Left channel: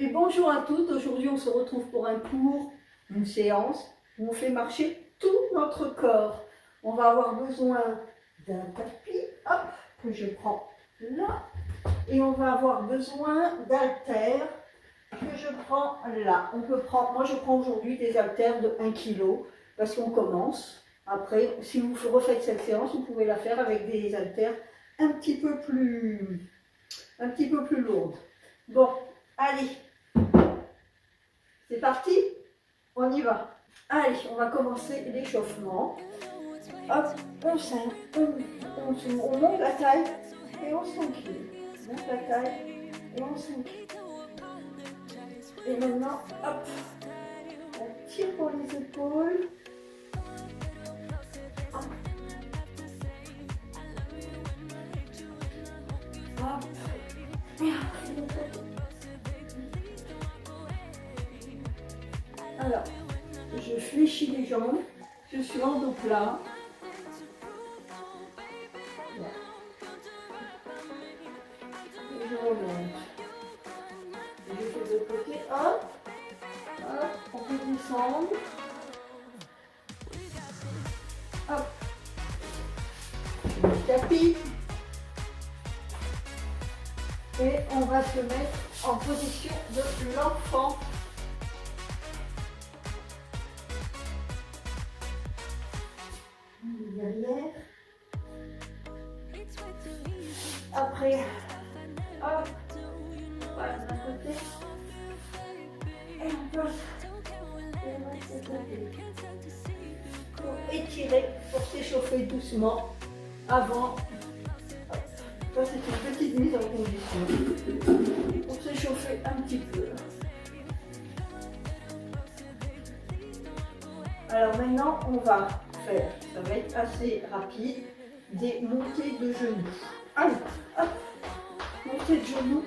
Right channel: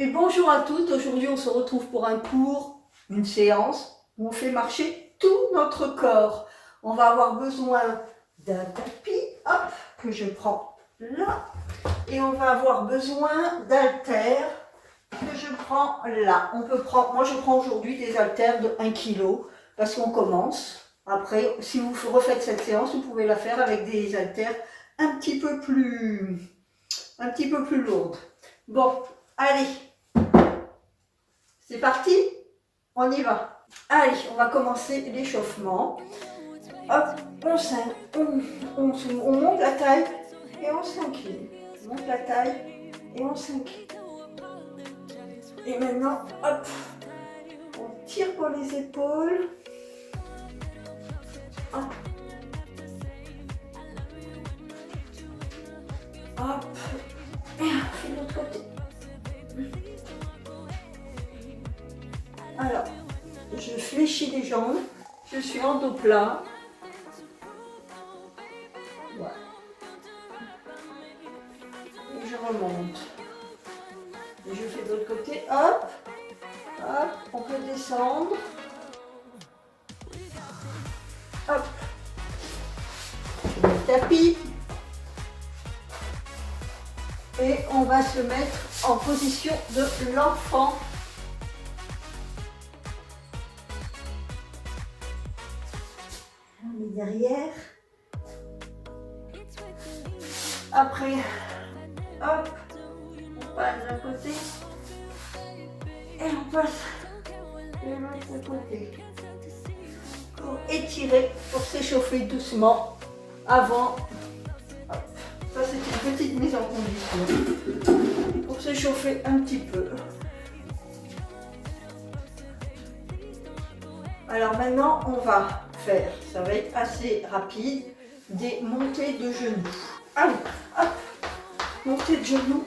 Et bonjour à toutes, aujourd'hui on se retrouve pour un cours, une séance où on fait marcher tout notre corps. On va avoir besoin d'un tapis, hop, que je prends là, et on va avoir besoin d'haltères que je prends là. On peut prendre, moi je prends aujourd'hui des haltères de 1 kg parce qu'on commence. Après, si vous refaites cette séance, vous pouvez la faire avec des haltères un petit peu plus lourdes. Bon, allez, c'est parti, on y va. Allez, on va commencer l'échauffement. Hop, on monte la taille et on s'incline. On monte la taille et on s'incline. Et maintenant, hop, on tire pour les épaules. Hop. Hop. Et de l'autre côté. Alors, je fléchis les jambes. Je suis en dos plat. Voilà. Et je remonte. Et je fais de l'autre côté. Hop. Hop. On peut descendre. Hop. Je mets le tapis. Et on va se mettre en position de l'enfant. On est derrière. Après, hop, on passe d'un côté. Et on passe les mains de ce côté. Pour étirer, pour s'échauffer doucement avant. Ça, c'est une petite mise en condition pour s'échauffer un petit peu. Alors maintenant, on va faire, ça va être assez rapide, des montées de genoux. Allez, hop, montée de genoux.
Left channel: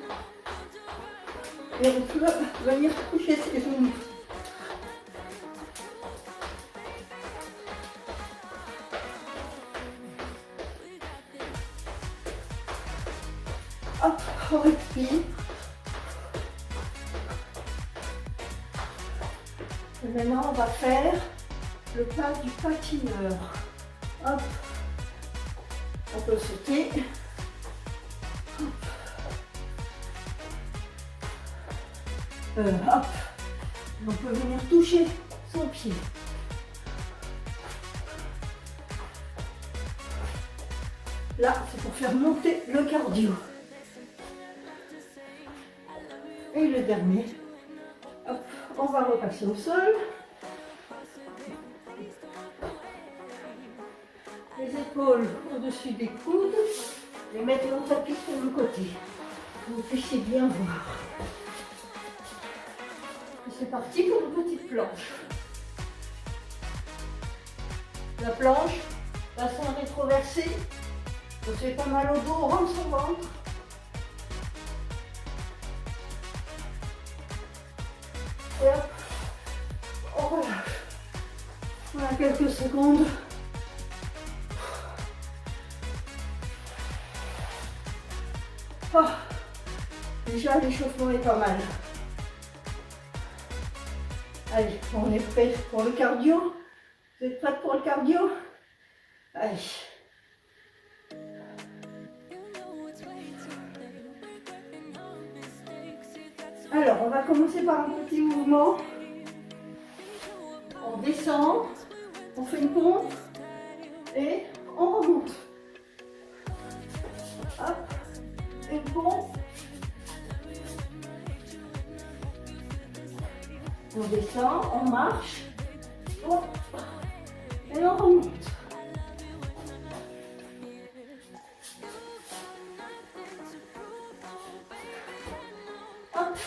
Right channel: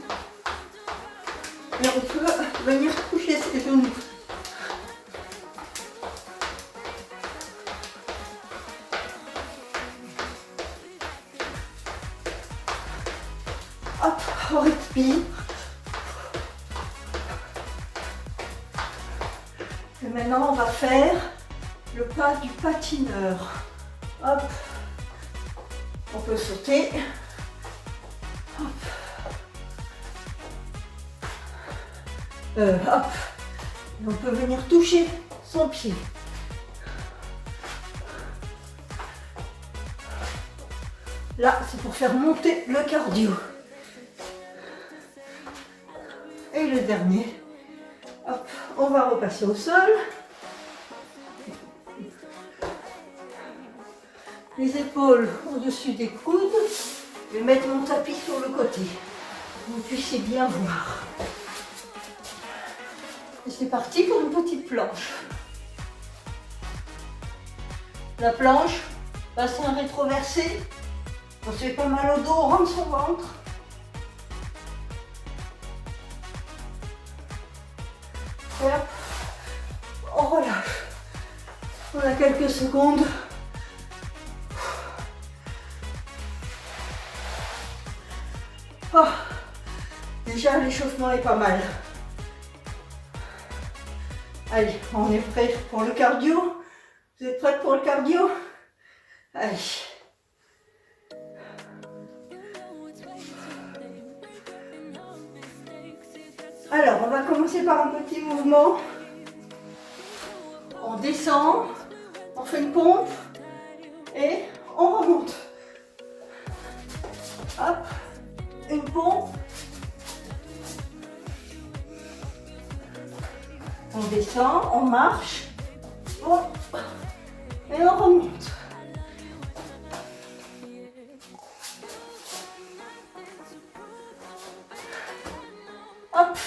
Et on peut venir toucher ses genoux. Hop, on respire. Et maintenant, on va faire le pas du patineur. Hop, on peut sauter. Hop. Hop. On peut venir toucher son pied. Là, c'est pour faire monter le cardio. Et le dernier, hop, on va repasser au sol. Les épaules au-dessus des coudes. Je vais mettre mon tapis sur le côté. Que vous puissiez bien voir. Et c'est parti pour une petite planche. La planche, bassin rétroversé. On se fait pas mal au dos, on rentre son ventre. Et hop, on relâche. On a quelques secondes. Oh, déjà l'échauffement est pas mal. Allez, on est prêt pour le cardio. Vous êtes prêts pour le cardio? Allez. Alors, on va commencer par un petit mouvement. On descend, on fait une pompe et on remonte. Hop, une pompe. On descend, on marche, et on remonte. Hop,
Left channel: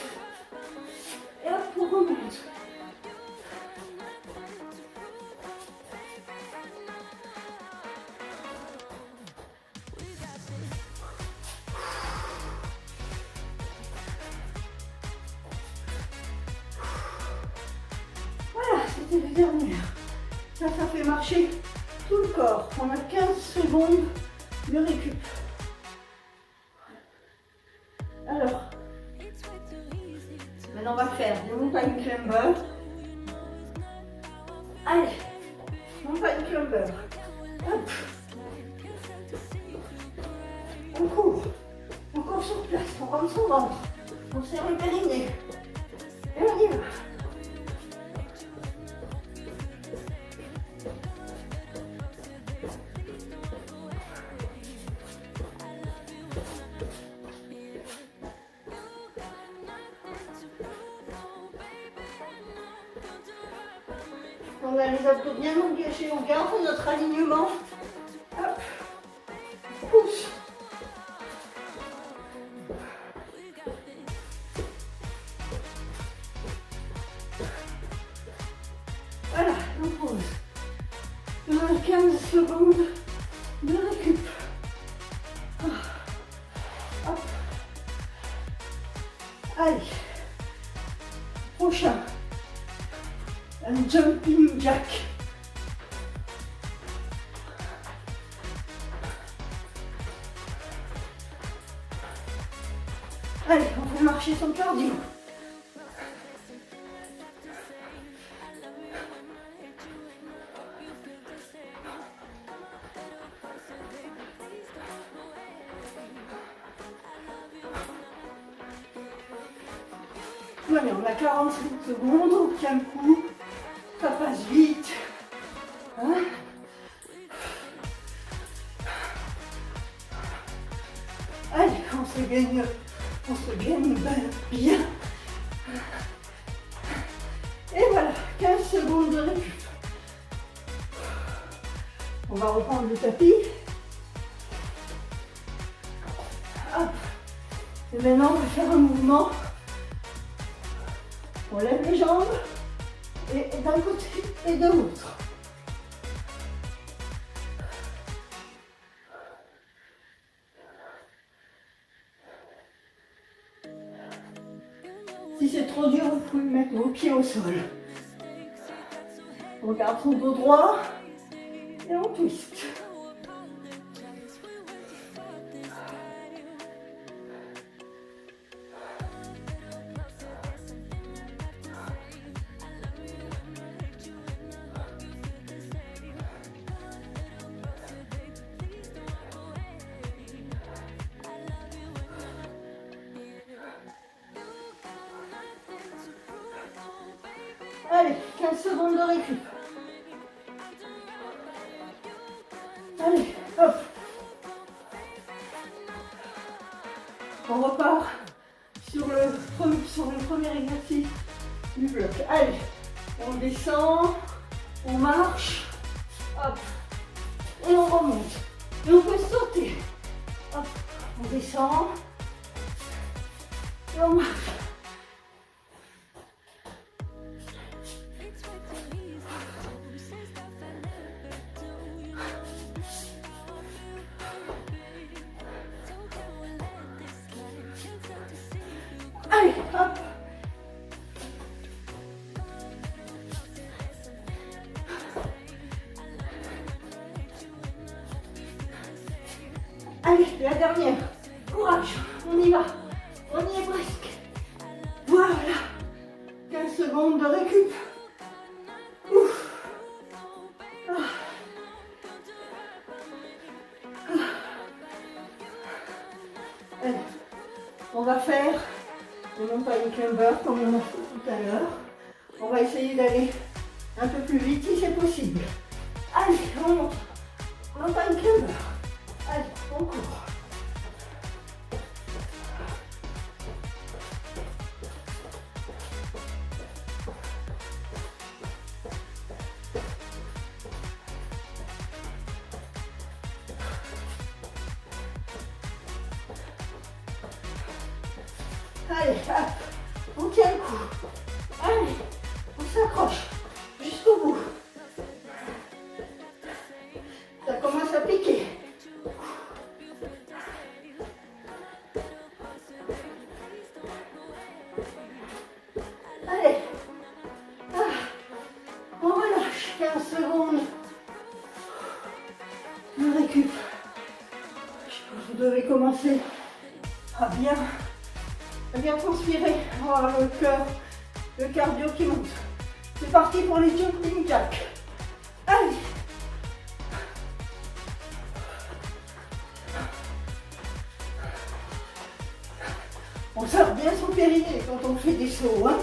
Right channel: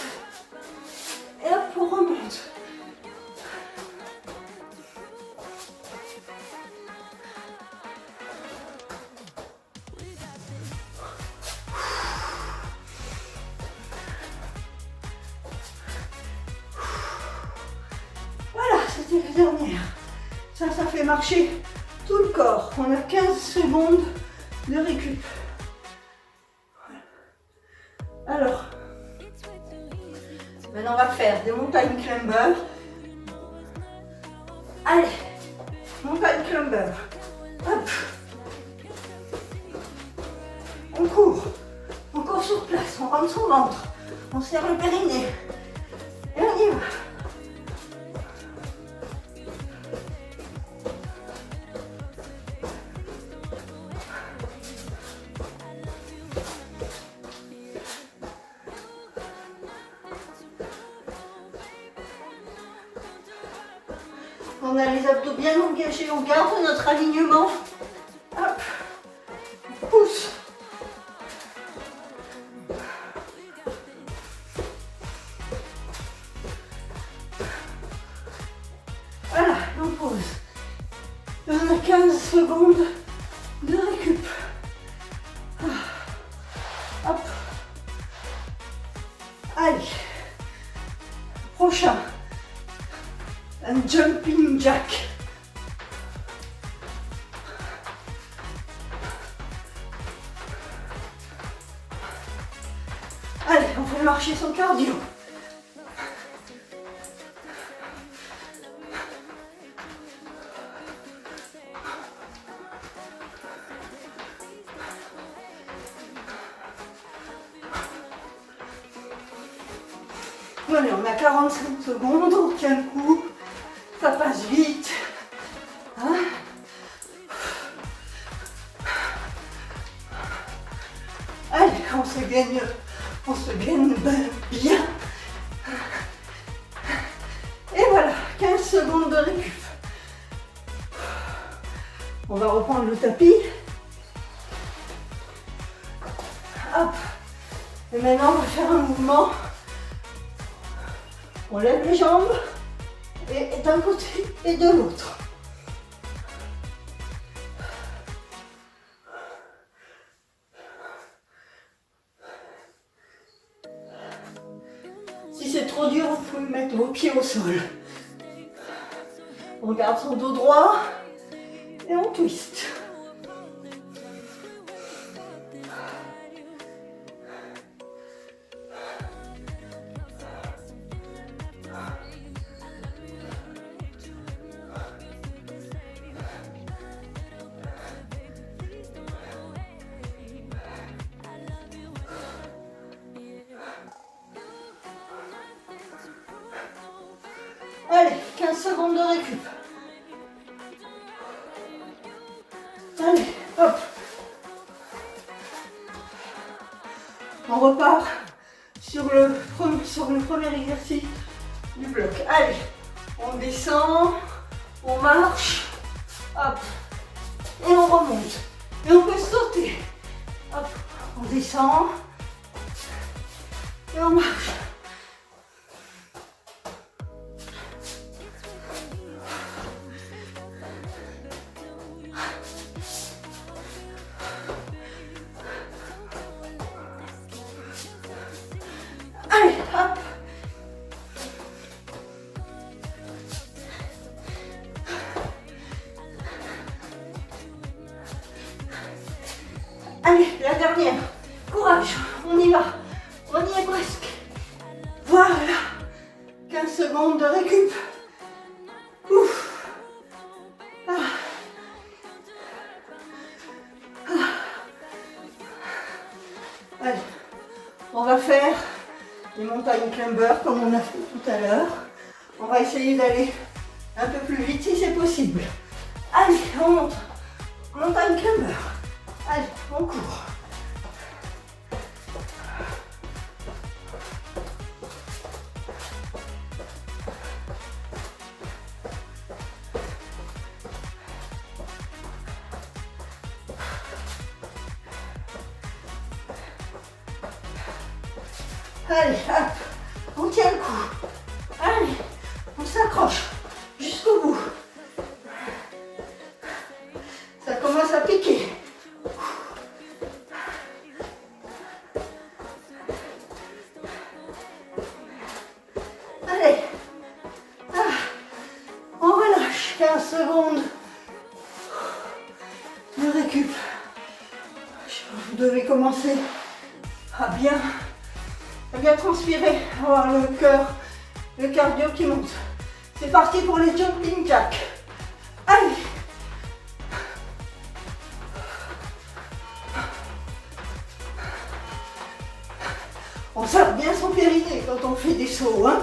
et hop, on remonte. La dernière. Ça fait marcher tout le corps. On a 15 secondes de récup. Maintenant, on va faire des mountain climbers. Allez, mountain climber. Hop. On court sur place, on rentre son ventre, on serre le périnée. Et on y va. On a les abdos bien engagés, on garde notre alignement. Hop, on pousse. Voilà, on pose. On a 15 secondes de récup. Hop. Allez. Prochain. Un jumping jack. Allez, on fait marcher son cardio. Allez, on a 45 secondes, on tient le coup. Ça passe vite. Hein? Allez, on se gagne bien. Et voilà, 15 secondes de récup. On va reprendre le tapis. Hop. Et maintenant, on va faire un mouvement. On lève les jambes. Et d'un côté et de l'autre. Si c'est trop dur, vous pouvez mettre vos pieds au sol. On garde son dos droit et on twist. Allez, 15 secondes de récup. Allez, hop. On repart sur le premier exercice du bloc. Allez, on descend, on marche, hop, et on remonte. Et on peut sauter. Hop, on descend, et on marche. Allez, hop. Allez, la dernière. Courage, on y va. On y est presque. Voilà. 15 secondes de récup. Ouf. Ah. Ah. Allez, on va faire les montagnes climber comme on a fait tout à l'heure. On va essayer d'aller un peu plus vite si c'est possible. Allez, on monte. Montagne climber. Allez, on court. Allez, hop, on tient le coup. Allez, on s'accroche jusqu'au bout. Ça commence à piquer. Allez, ah, on relâche 15 secondes de récup. Vous devez commencer à bien à bien transpirer, avoir le cœur, le cardio qui monte. C'est parti pour les jumping jacks. Allez. On serre bien son périnée quand on fait des sauts, hein.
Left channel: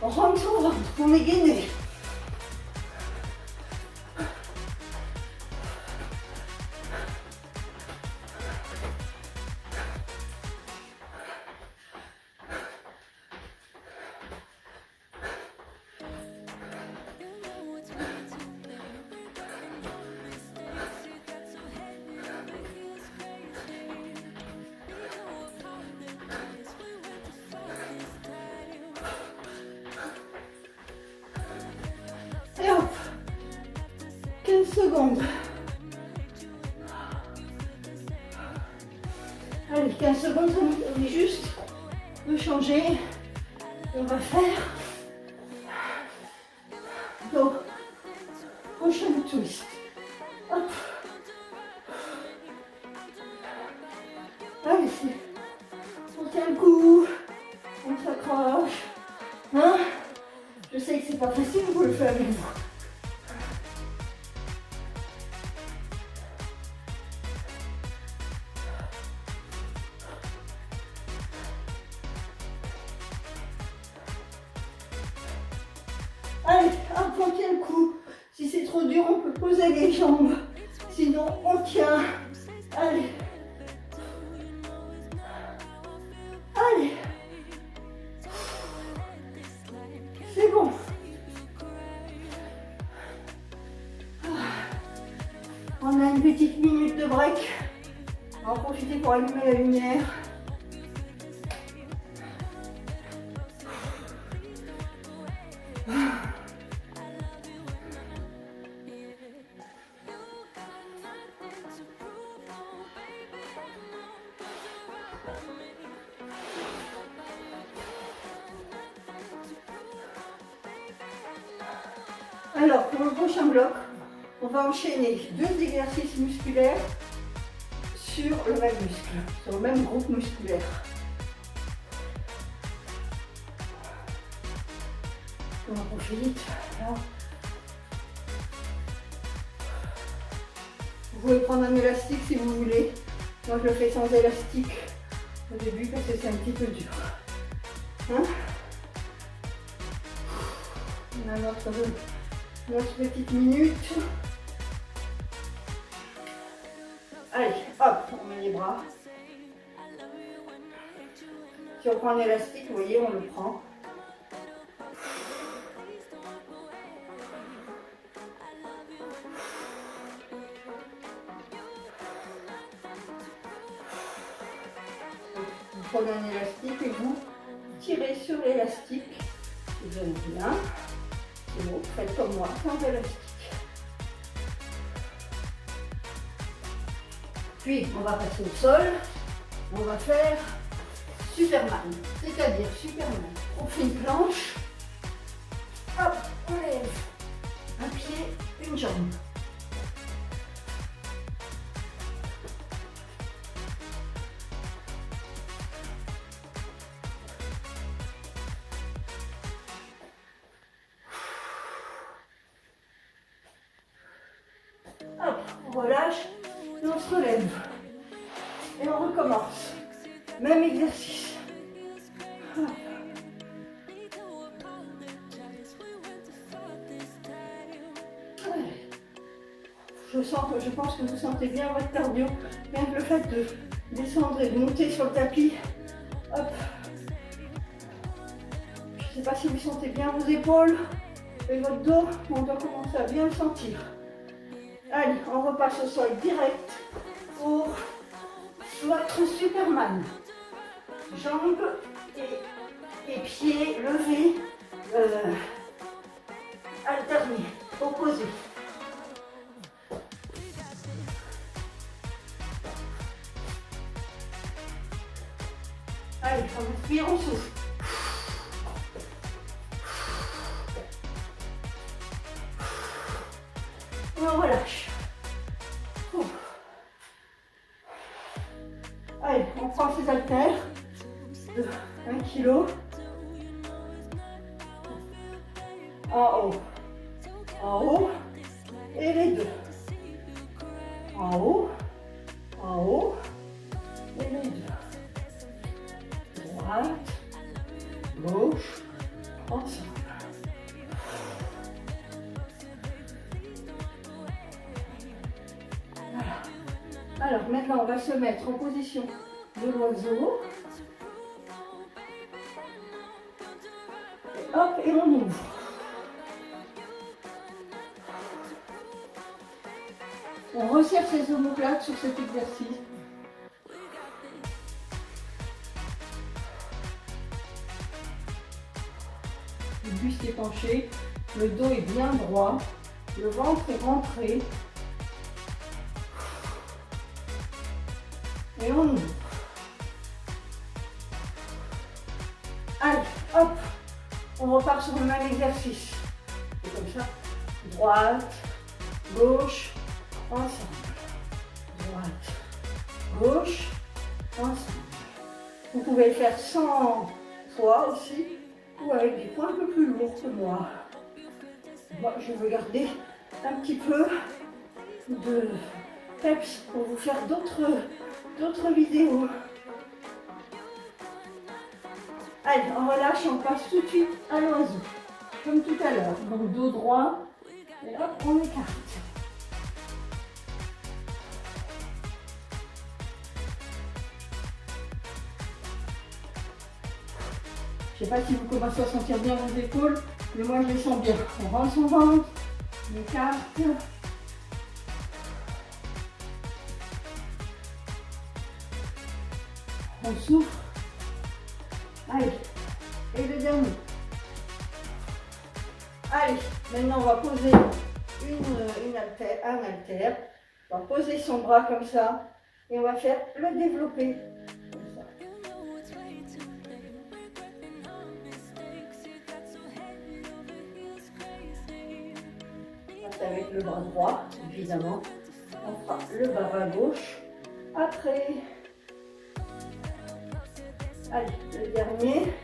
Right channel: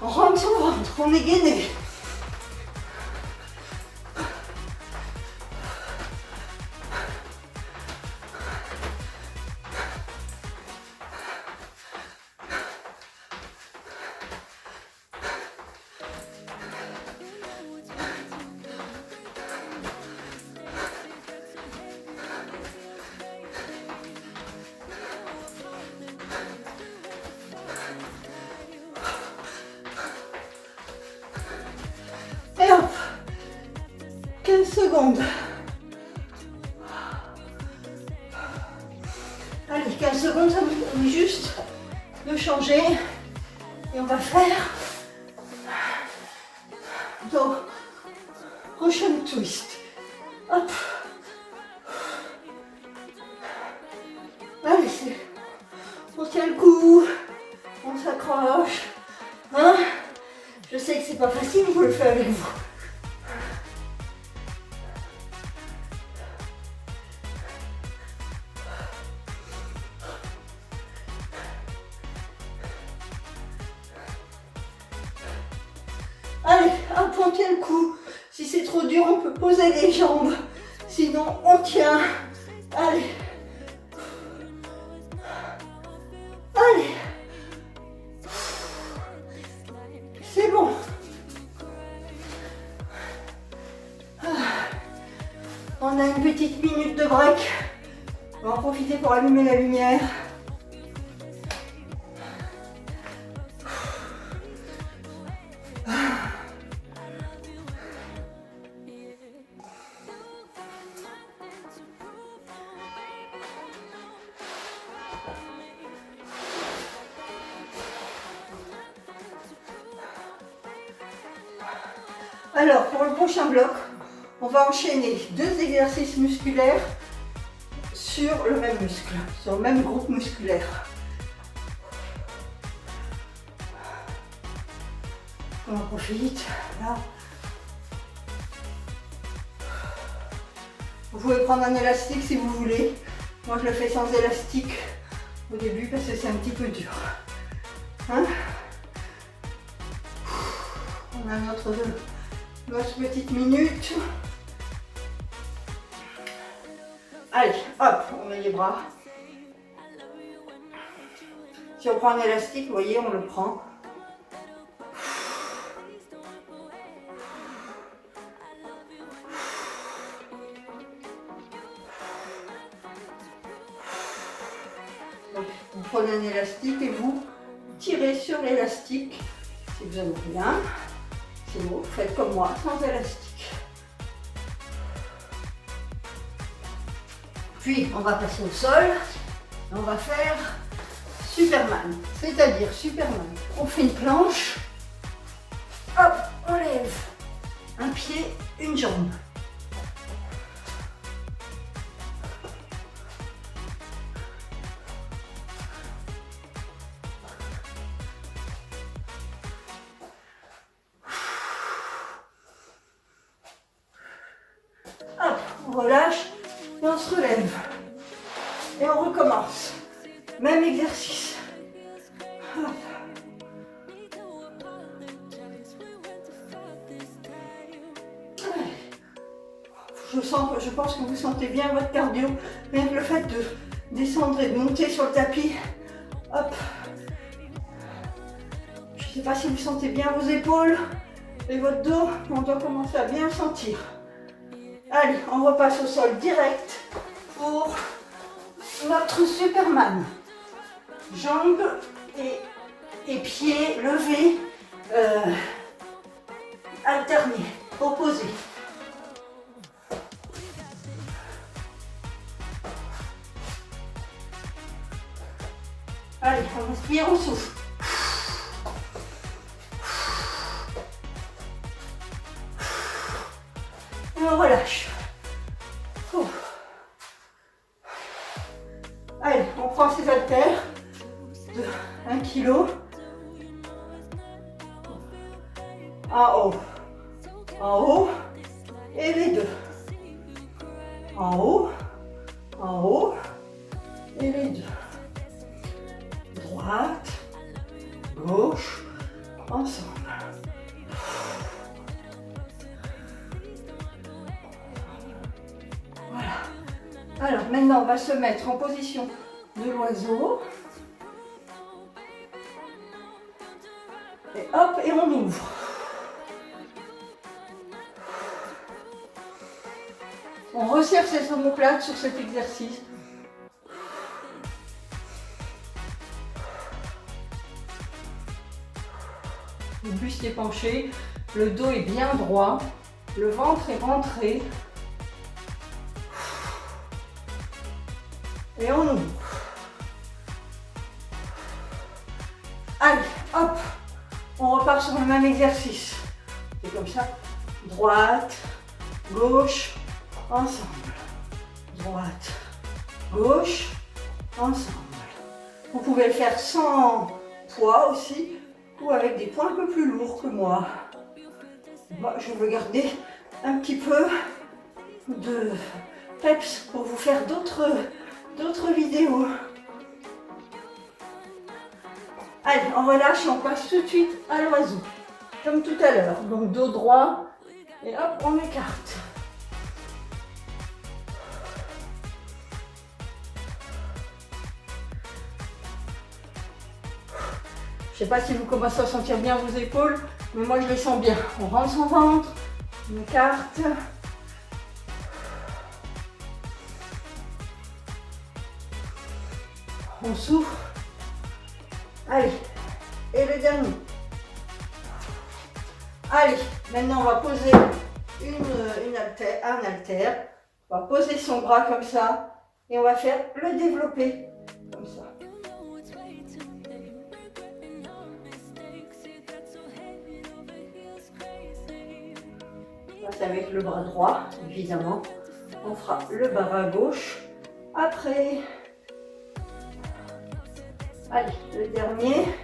On rentre son ventre, on est gainé. Et hop, 15 secondes. Allez, 15 secondes, ça nous permet juste de changer. Et on va faire donc prochain twist. Hop. Allez, on tient le coup, on s'accroche. Hein? Je sais que c'est pas facile, je le fais avec vous. Allez, hop, on tient le coup. Si c'est trop dur, on peut poser les jambes. Sinon, on tient. Allez. Allez. C'est bon. On a une petite minute de break. On va en profiter pour allumer la lumière. Alors, pour le prochain bloc, on va enchaîner 2 exercices musculaires sur le même muscle, sur le même groupe musculaire. On en profite, là. Vous pouvez prendre un élastique si vous voulez. Moi, je le fais sans élastique au début parce que c'est un petit peu dur. Hein? On a notre petite minute. Allez, hop, on met les bras. Si on prend un élastique, vous voyez, on le prend. Donc, vous prenez un élastique et vous tirez sur l'élastique. Si vous avez rien, sinon faites comme moi, sans élastique. Puis on va passer au sol, on va faire Superman, c'est-à-dire Superman. On fait une planche, hop, on lève un pied, une jambe. Hop, on relâche et on se relève. Et on recommence. Même exercice. Hop. Je pense que vous sentez bien votre cardio. Rien que le fait de descendre et de monter sur le tapis. Hop. Je ne sais pas si vous sentez bien vos épaules et votre dos. On doit commencer à bien sentir. Allez, on repasse au sol direct pour notre Superman. Jambes et pieds levés, alternés, opposés. Allez, on inspire, on souffle. Et on relâche. Allez, on prend ses haltères. 2, En haut. En haut. Et les deux. En haut. En haut. Et les deux. Droite. Gauche. Ensemble. Voilà. Alors maintenant on va se mettre en position de l'oiseau. Et hop, et on ouvre. On resserre ses omoplates sur cet exercice. Le buste est penché, le dos est bien droit, le ventre est rentré. Et on ouvre. Allez, hop, on repart sur le même exercice. Et comme ça, droite, gauche, ensemble. Droite, gauche, ensemble. Vous pouvez le faire sans poids aussi, ou avec des poids un peu plus lourds que moi. Moi, je veux garder un petit peu de peps pour vous faire d'autres vidéos. Allez, on relâche et on passe tout de suite à l'oiseau, comme tout à l'heure. Donc dos droit, et hop, on écarte. Je ne sais pas si vous commencez à sentir bien vos épaules, mais moi je les sens bien. On rentre son ventre, on écarte. On souffle. Allez, et le dernier. Allez, maintenant on va poser un haltère. On va poser son bras comme ça et on va faire le développé. Comme ça. On va avec le bras droit, évidemment. On fera le bras gauche. Après, allez, le dernier.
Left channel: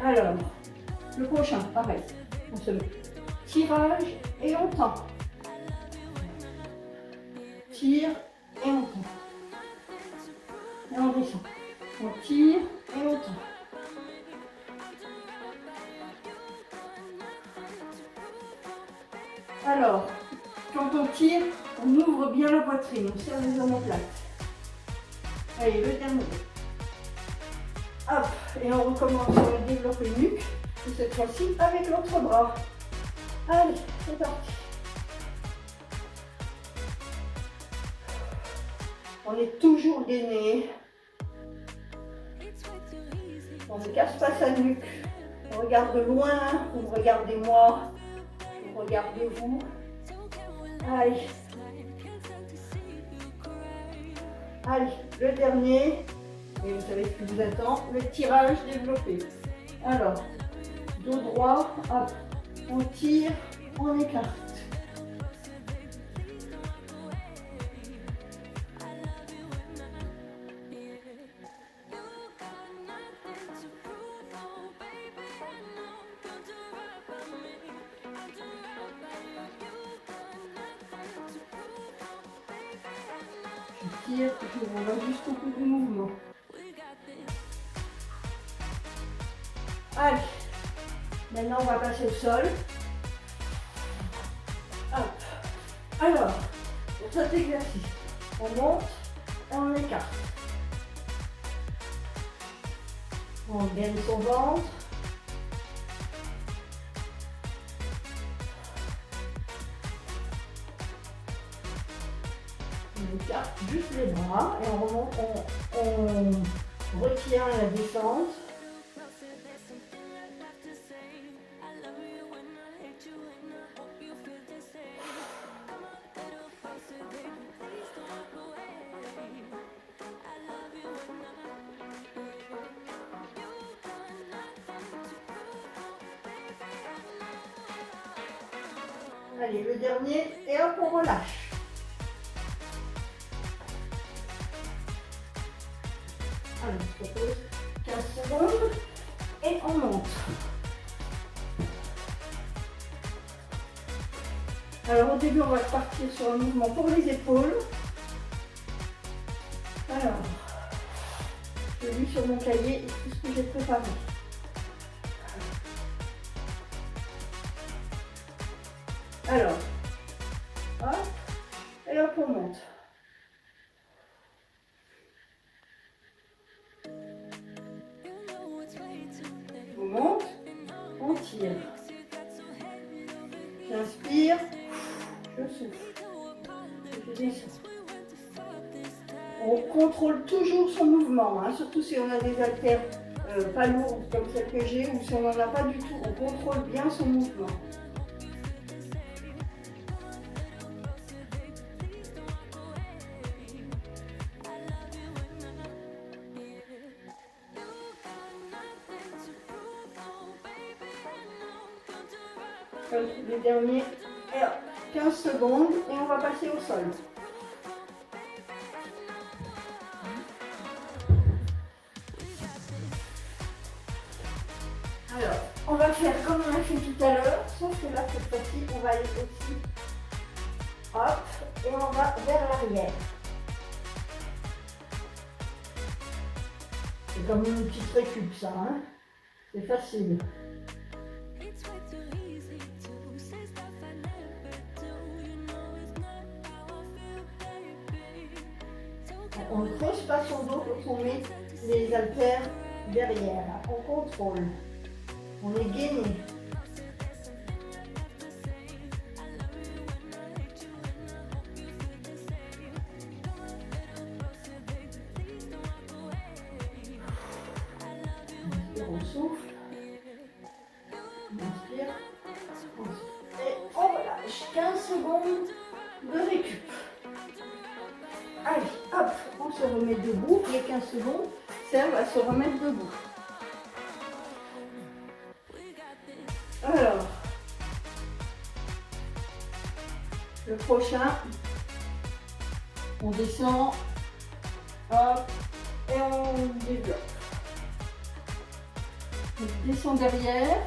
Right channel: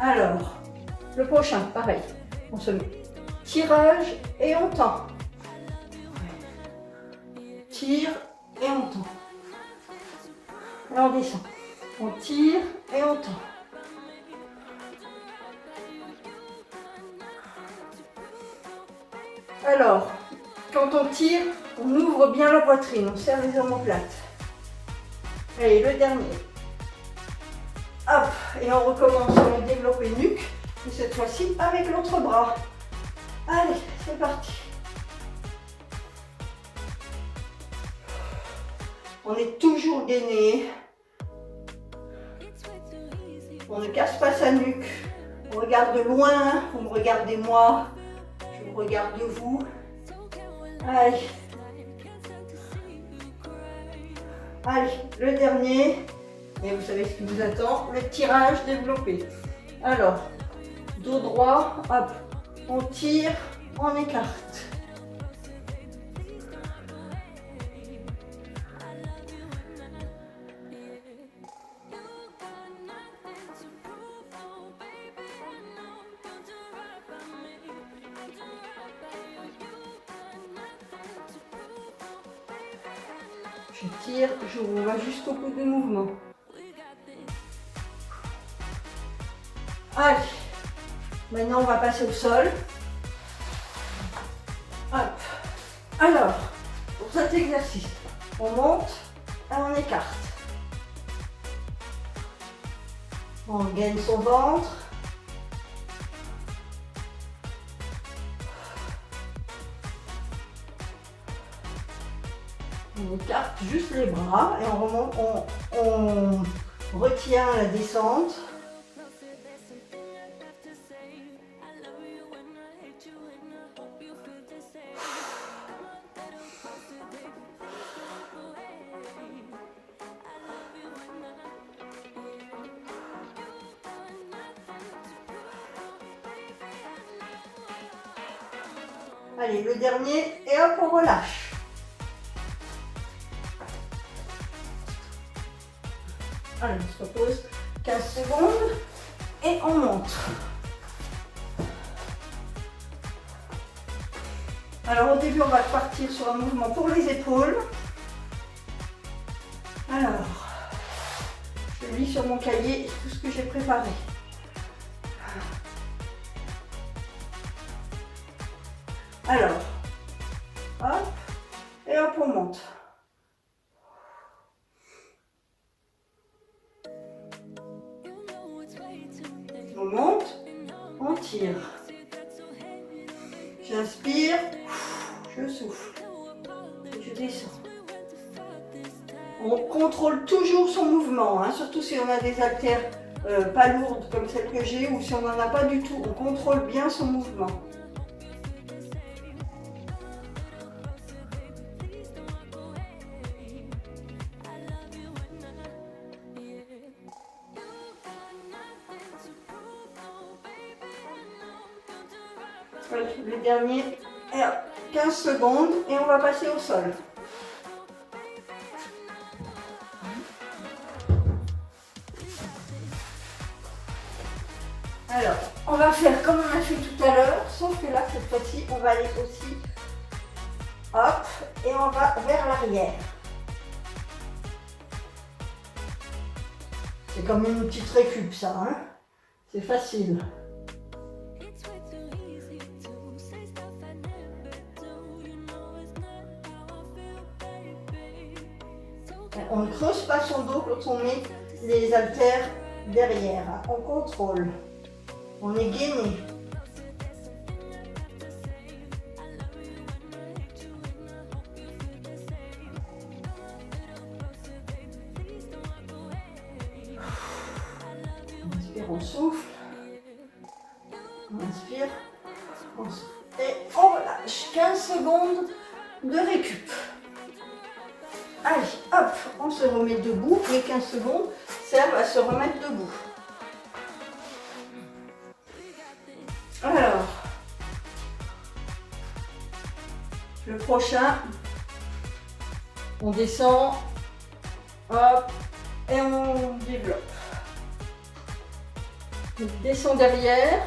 Alors, le prochain, pareil. On se met tirage et on tend. Tire et on tend. Et on descend. On tire et on tend. Alors, quand on tire, on ouvre bien la poitrine, on serre les omoplates. Allez, le dernier. Hop, et on recommence sur le développé nuque. Et cette fois-ci, avec l'autre bras. Allez, c'est parti. On est toujours gainé. On ne casse pas sa nuque. On regarde loin, vous me regardez moi. Je vous regarde vous. Allez. Allez, le dernier. Et vous savez ce qui vous attend, le tirage développé. Alors, dos droit, hop, on tire, on écarte. Je tire, je vous vois jusqu'au bout du mouvement. Allez, maintenant on va passer au sol. Hop. Alors, pour cet exercice, on monte et on écarte. On gaine son ventre. On écarte juste les bras et on remonte, on retient la descente. Allez, le dernier, et hop, on relâche. Allez, on se repose 15 secondes. et on monte. Alors au début, on va partir sur un mouvement pour les épaules. Alors, je lis sur mon cahier tout ce que j'ai préparé. Alors, hop, et hop, on monte. On monte, on tire. J'inspire, je souffle, je descends. On contrôle toujours son mouvement, hein, surtout si on a des haltères pas lourdes comme celle que j'ai ou si on n'en a pas du tout. On contrôle bien son mouvement. Les derniers 15 secondes et on va passer au sol. Alors, on va faire comme on a fait tout à l'heure, sauf que là, cette fois-ci, on va aller aussi, hop, et on va vers l'arrière. C'est comme une petite récup, ça, hein. C'est facile. On ne creuse pas son dos quand on met les haltères derrière. On contrôle. On est gainé. On inspire, on souffle. On inspire, on souffle. Et on relâche. 15 secondes de récup. Allez, hop, on se remet debout. Les 15 secondes servent à se remettre debout. Alors, le prochain, on descend, hop, et on développe. On descend derrière,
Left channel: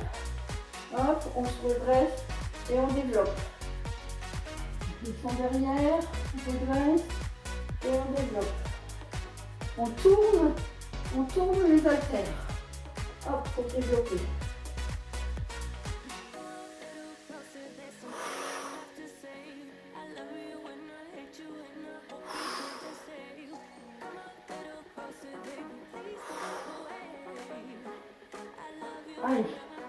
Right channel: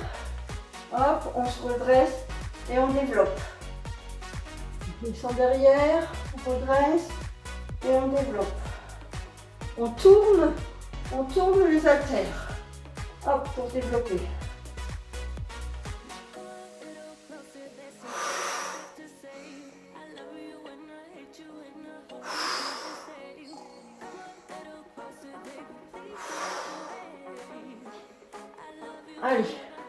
hop, on se redresse et on développe. On descend derrière, on redresse. Et on développe. On tourne les haltères. Hop, pour développer. Allez,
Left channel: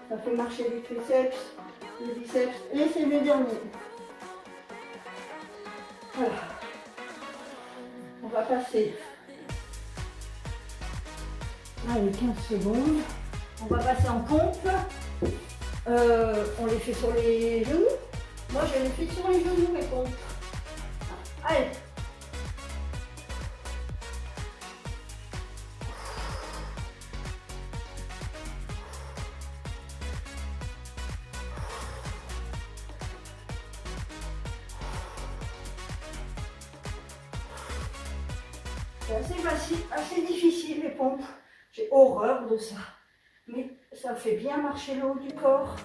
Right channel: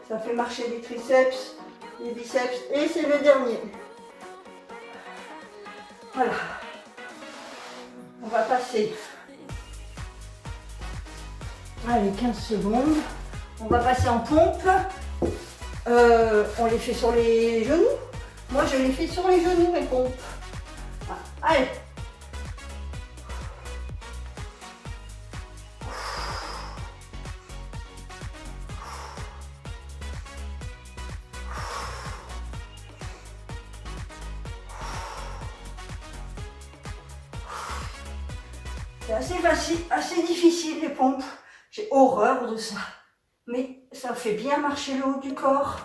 ça fait marcher les triceps, les biceps, et c'est le dernier. Voilà. On va passer, allez, 15 secondes, on va passer en pompe, on les fait sur les genoux, moi je les fais sur les genoux les pompes, allez, c'est assez facile, assez difficile les pompes. J'ai horreur de ça. Mais ça fait bien marcher le haut du corps.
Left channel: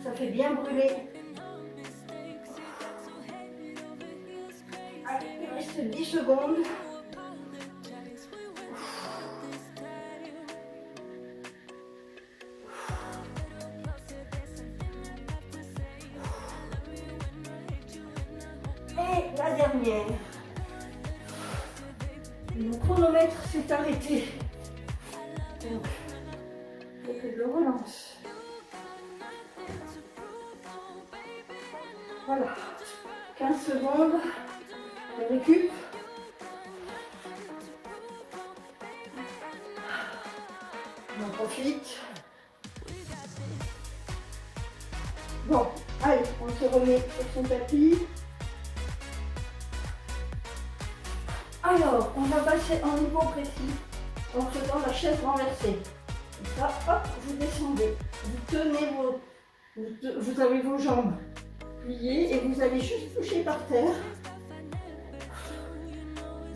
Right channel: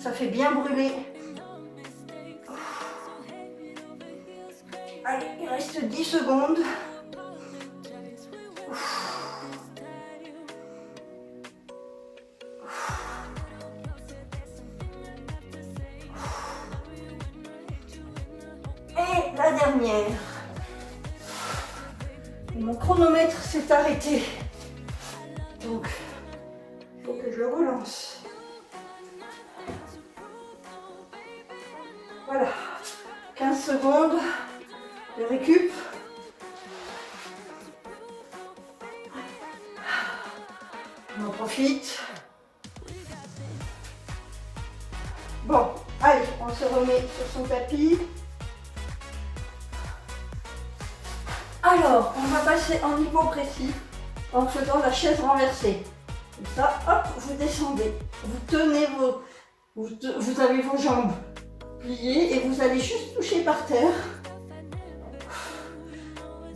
Ça fait bien brûler. Allez, il reste 10 secondes. Et la dernière. Mon chronomètre s'est arrêté. Donc, il faut que je le relance. Voilà. 15 secondes de récup. On en profite. Bon, allez, on se remet sur son tapis. Alors, on va passer en hypopressif en faisant la chaise renversée. Comme ça, hop, vous descendez. Vous tenez vous avez vos jambes pliées et vous allez juste toucher par terre.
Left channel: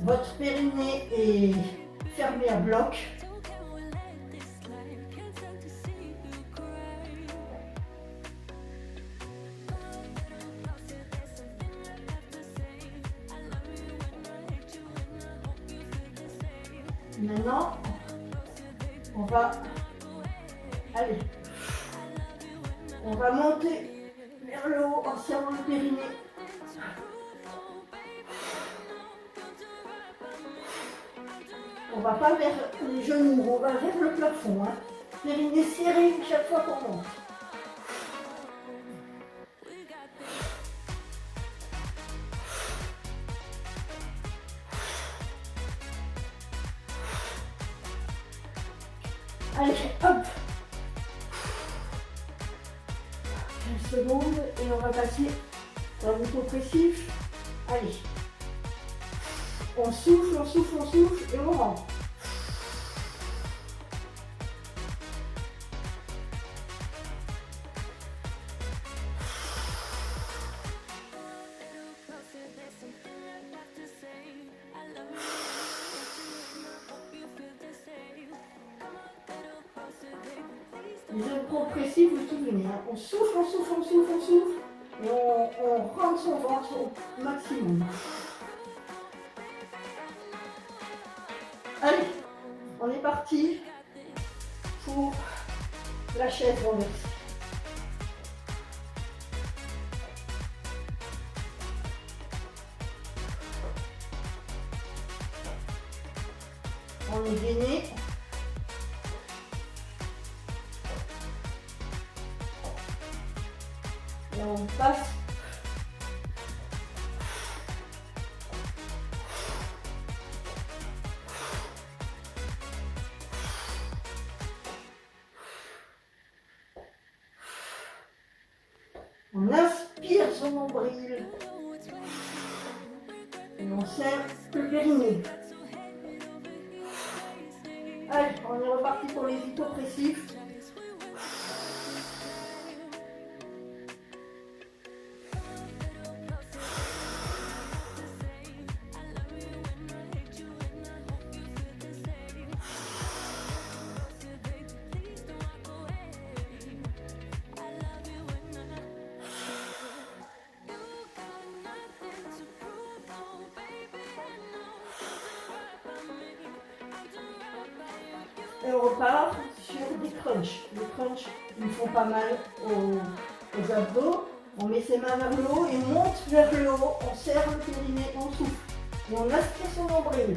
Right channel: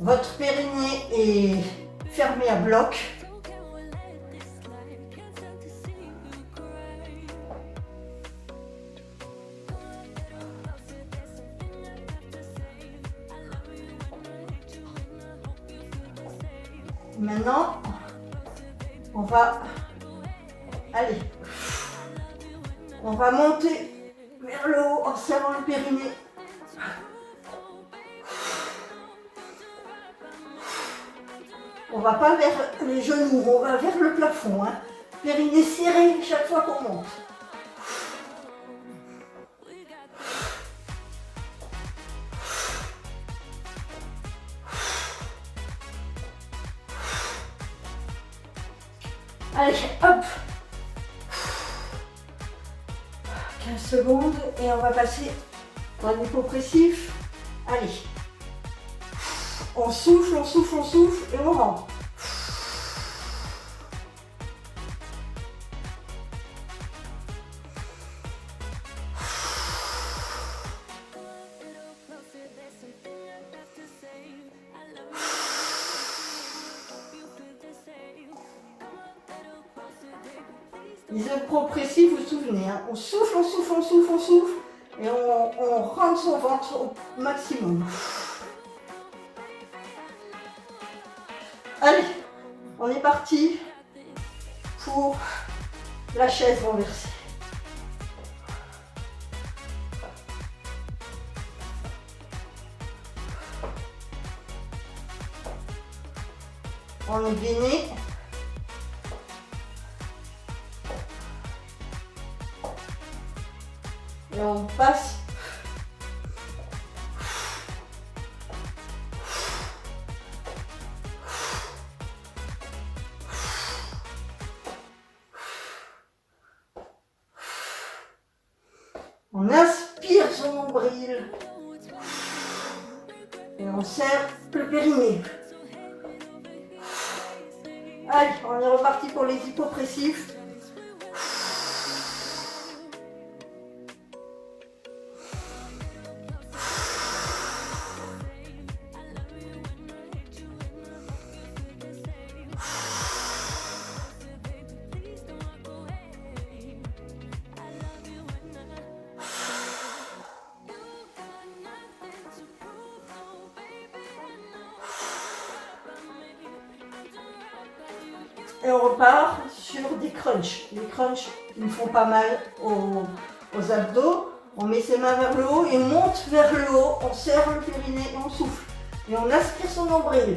Votre périnée est fermé à bloc. Maintenant, on va aller. On va monter vers le haut en serrant le périnée. On va pas vers les genoux, on va vers le plafond. Hein. Périnée serré chaque fois qu'on monte. Allez, hop. 15 secondes et on va passer dans l'hypopressif. Allez. On souffle, on souffle, on souffle et on rentre. Les hypopressifs, vous vous souvenez, hein, on souffle, on souffle, on souffle, on souffle et on rentre son ventre au maximum. Allez, on est parti pour la chaise renversée. On est gainé. Et on passe. On inspire son nombril. Et on serre le périnée. Allez, on est reparti pour les hypopressifs. Et on repart sur des crunchs. Les crunchs, ils me font pas mal aux abdos. On met ses mains vers le haut et on monte vers le haut. On serre le périnée et on souffle. Et on aspire son nombril.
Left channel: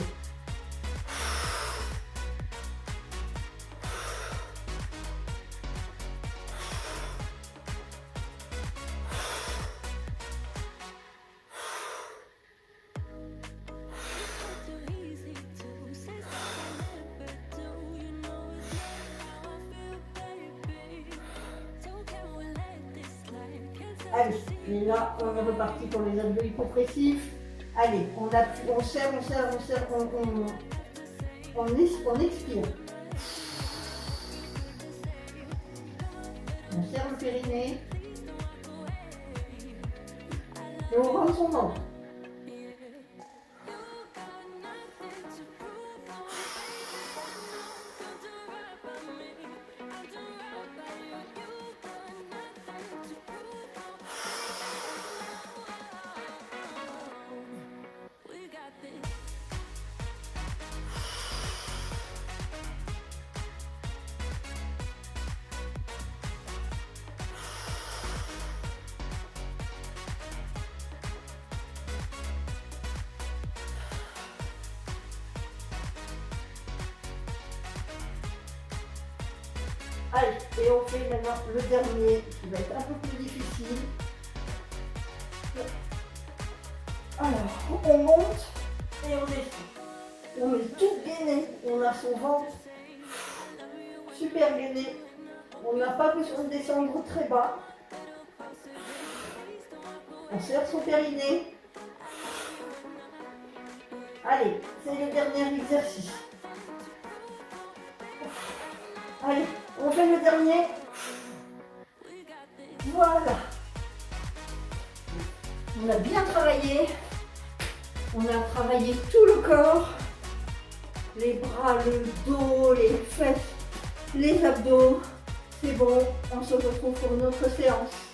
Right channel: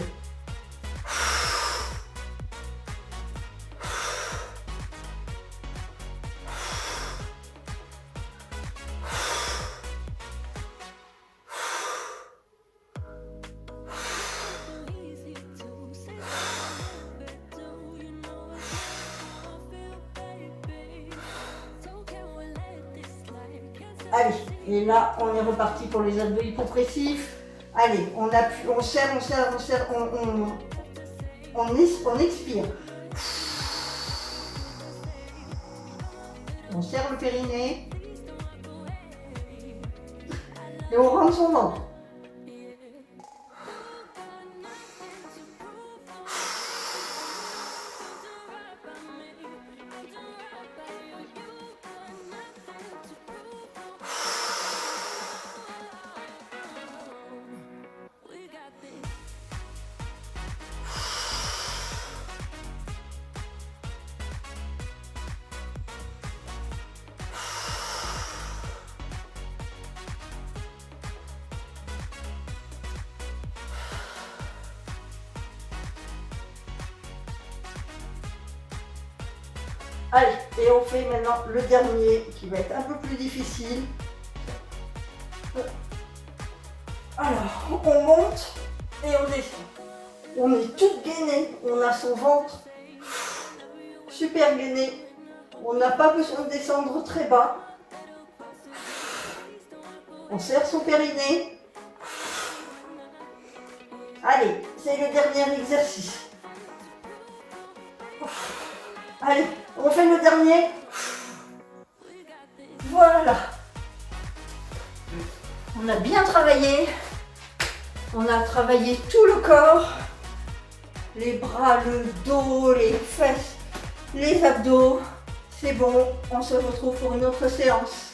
Allez, et là, on est reparti pour les abdos hypopressifs. Allez, on appuie, on serre, on serre, on serre, on expire. On serre le périnée. Et on rentre son ventre. Allez, et on fait maintenant le dernier qui va être un peu plus difficile. Alors, on monte et on descend. On est toute gainée, on a son ventre super gainé. On n'a pas besoin de descendre très bas. On serre son périnée. Allez, c'est le dernier exercice. Allez, on fait le dernier. Voilà. On a bien travaillé. On a travaillé tout le corps. Les bras, le dos, les fesses, les abdos. C'est bon, on se retrouve pour une autre séance.